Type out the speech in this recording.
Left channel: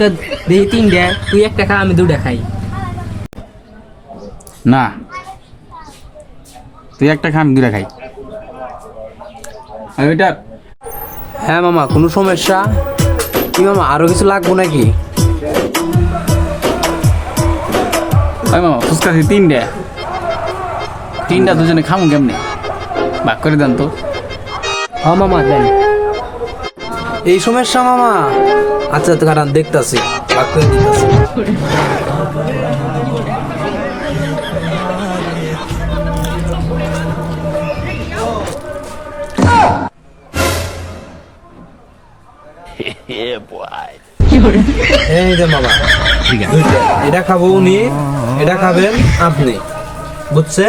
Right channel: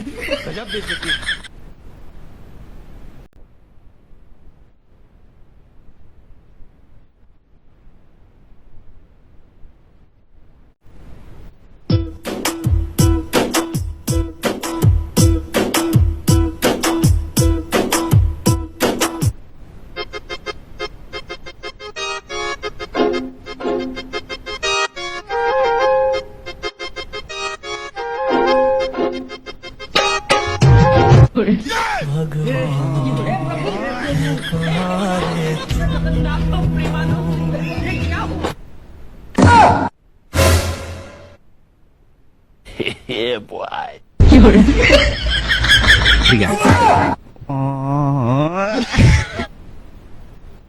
তো দেখি তিনটে, তুই একটা খা আমি দুটা খাই। না, তুই একটা খা আমি দুটা খাই। আর ওইটা হ্যাঁ মামা, কোনো সমস্যা? কি মামা আরো কিছু লাগবো নাকি? ওই মামা ফুচকা আছে তিনটা দুজনে খামু কেমনে? ভাগ করে দেন তো। হ মামা দেন। এই সমস্যা মামা? আচ্ছা তো কারণ দেখতাছি। এই যে মামা, ঠিক আছে। এটা খাবো উনি, এটা খাবেন আপনি, বুঝছেন?